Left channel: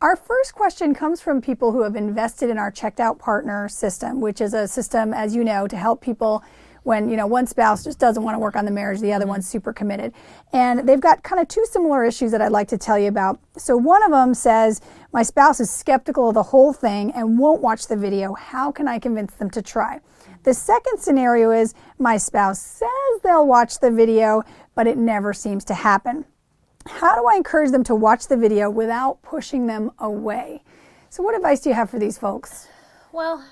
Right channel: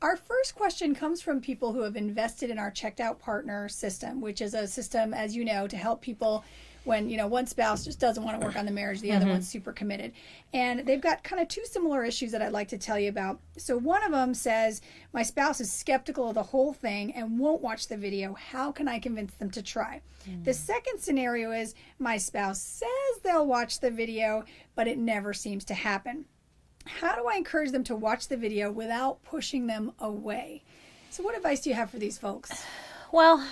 Our first question comes from people who have invested in our checked out partner system, which is a system, as you know, to help people when, one spouse just doesn't want to work on the marriage, the other one's super committed. And they've got kind of two similar issues that I'd like to tell you about. So one of them says, my spouse is skeptical of the whole thing and won't watch the video. How can I convince them to try? The second scenario is, my spouse says they'll watch the video, but it never seems to happen. How do I encourage them to watch the video without pushing them away? So what advice do you have for these folks? Well,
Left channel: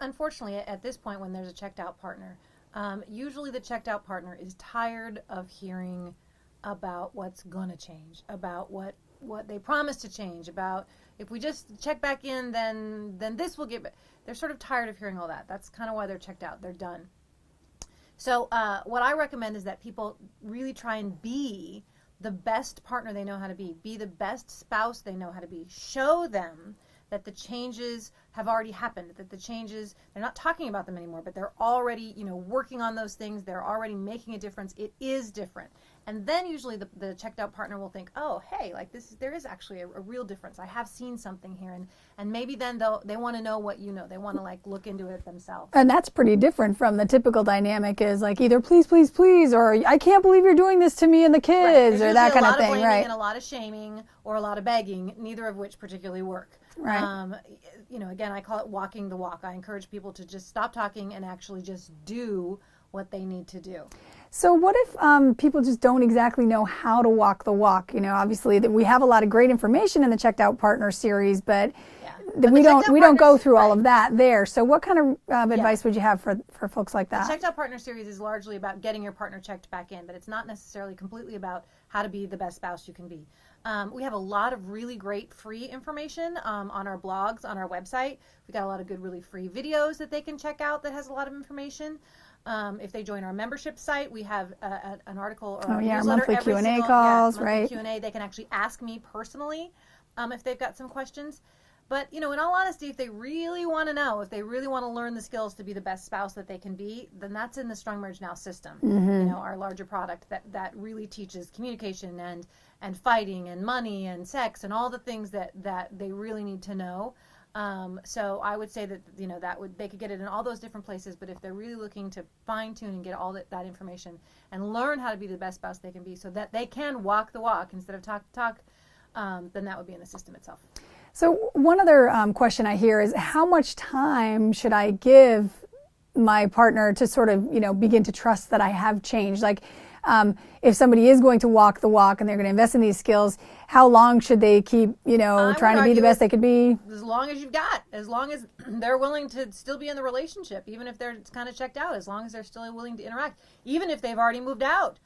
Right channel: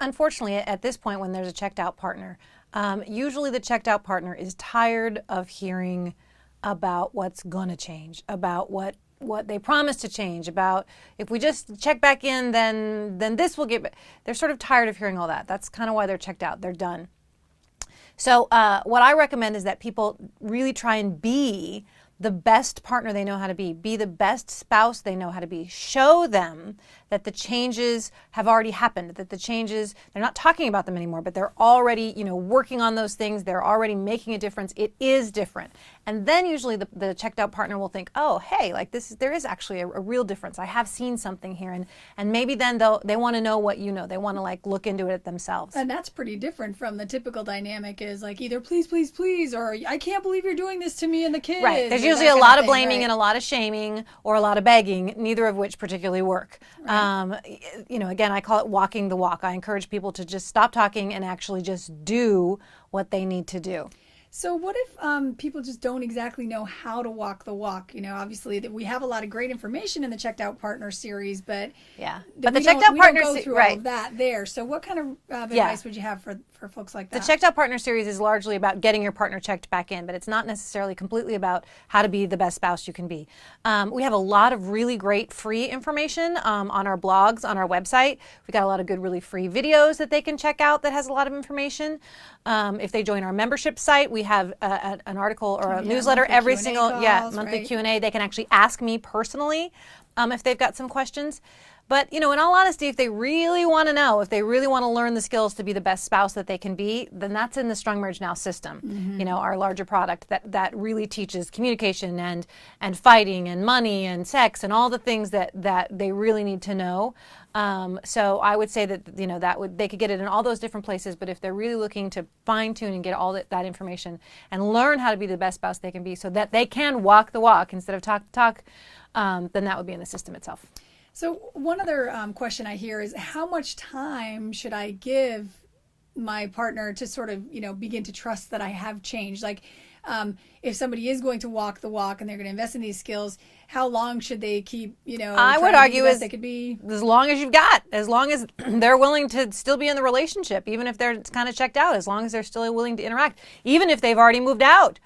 unfortunately, at this point when there's a checked out partner, usually the checked out partner is tired of hearing about what's going to change, about what they promised to change, about if we just check back in, then this will get. They're sort of tired of hearing all that. That's kind of why they're checked out. They're done. So what I recommend is that people really try and be the best partner they know how to be the best spouse they know how to be. Show them that the changes have already happened, that the changes, they're not talking about them anymore, but they're already, working on those things. They're already making a difference. It is different. And then usually the checked out partner will think, oh, hey, there is actually a real difference. I have seen something here. And maybe then they want to know what you know. They want to look into it themselves. And that's pretty different from the typical dynamic is either please, please, please, or I can't believe you're doing this to me and the kids. Right. There's usually a lot of blaming and a lot of shaming or a lot of begging, neither of which particularly work. Right. Again, I call it walking the walk. I encourage people to just stop talking and actually just do what they need to do. So what if people just don't exactly know how to walk the walk? Obviously we have a lot of great information in the Checked Out Partner series, but we don't go through all of that there. So what kind of advice would you have for folks like that? The Checked Out Partner series is largely about getting your partner checked back in, but it's not necessarily completely about how to be the best spouse you can be. We have a lot of really great free information on our blogs, on our website. We've got a lot of good, really free videos that they can check out that has a lot of information. If they join our membership site, we have an article or a newsletter every Q&A single calls, monthly Q&A. They can actually ask me personally if they've got some questions. But in all honesty, if they really want to know, if they really want to learn the skills to be the best spouse that they can be, then that's in the Strong Marriage Now system. Our larger product that really teaches communication and fighting and money and sex and all the things that they really need to know. So I would say that they could get it in all those different places, but if they're really looking to fine tune and get all that information and learn how to be the best spouse they can be so that they can walk the walk instead of talk the talk, then that would be in the system itself. So one other question I hear is, how much time should I give my partner to sort of, begin to trust that I have changed? If somebody is going to walk the walk and they're going to invest in these skills, how long should they keep, trying to be the best they could be? As long as you've got, as long as they're willing to still be in the relationship, even if they're kind of checked out, as long as they're still willing to interact, even if they've already moved out,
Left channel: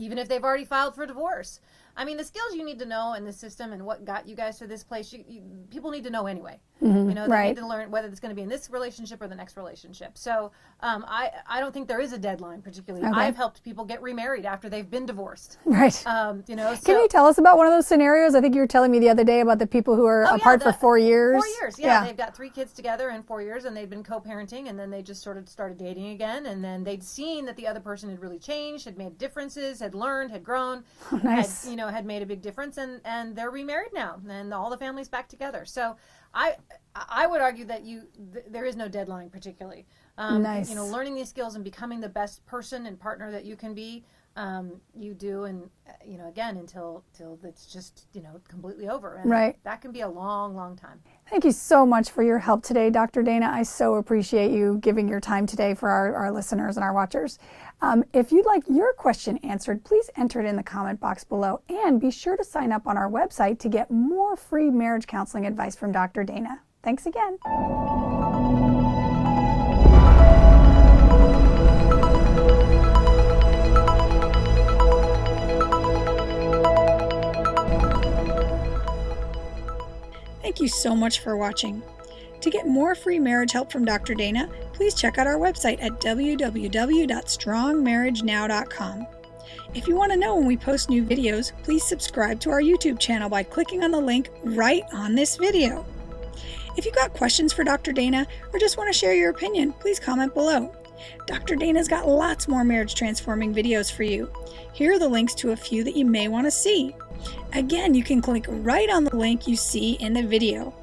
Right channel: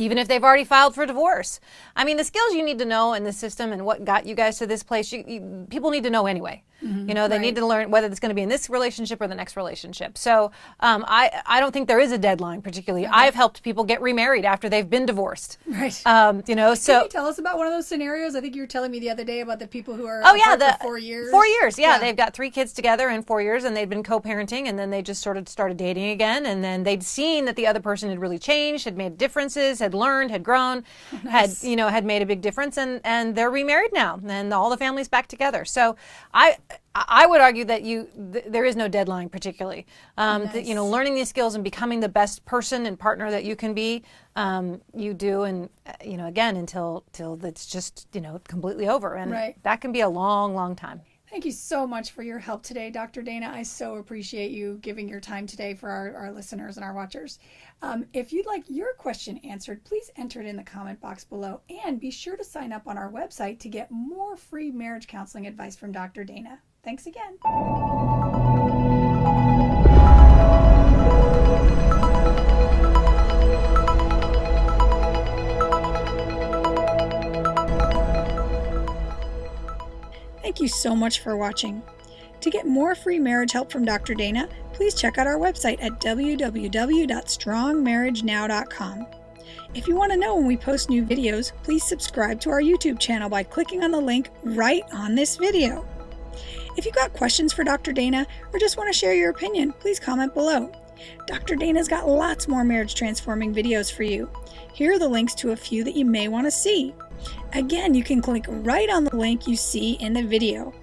even if they've already filed for divorce. I mean, the skills you need to know in the system and what got you guys to this place, people need to know anyway. They need to learn whether it's going to be in this relationship or the next relationship. So I don't think there is a deadline particularly. Okay. I've helped people get remarried after they've been divorced. Right. So can you tell us about one of those scenarios? I think you were telling me the other day about the people who are apart for 4 years. 4 years, yeah. They've got 3 kids together in 4 years, and they'd been co-parenting, and then they just sort of started dating again, and then they'd seen that the other person had really changed, had made differences, had learned, had grown, nice. had made a big difference, and they're remarried now, and all the family's back together. So I would argue that there is no deadline particularly. Nice. Learning these skills and becoming the best person and partner that you can be, you do, and again until it's just completely over, and that can be a long, long time. Thank you so much for your help today, Dr. Dana. I so appreciate you giving your time today for our listeners and our watchers. If you'd like your question answered, please enter it in the comment box below, and be sure to sign up on our website to get more free marriage counseling advice from Dr. Dana. Thanks again. Thank you so much for watching. To get more free marriage help from Dr. Dana, please check out our website at www.strongmarriagenow.com. If you want to know when we post new videos, please subscribe to our YouTube channel by clicking on the link right on this video. If you've got questions for Dr. Dana or just want to share your opinion, please comment below. Dr. Dana's got lots more marriage transforming videos for you. Here are the links to a few that you may want to see. Again, you can click right on the link you see in the video.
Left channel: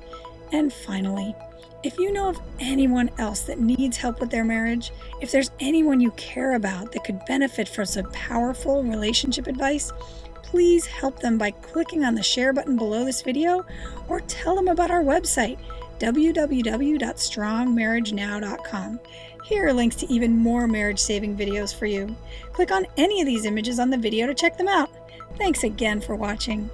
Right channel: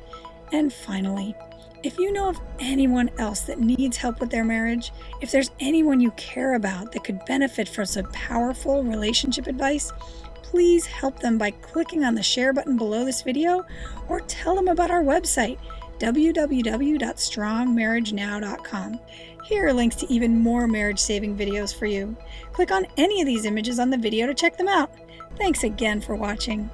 And finally, if you know of anyone else that needs help with their marriage, if there's anyone you care about that could benefit from some powerful relationship advice, please help them by clicking on the share button below this video or tell them about our website, www.strongmarriagenow.com. Here are links to even more marriage-saving videos for you. Click on any of these images on the video to check them out. Thanks again for watching.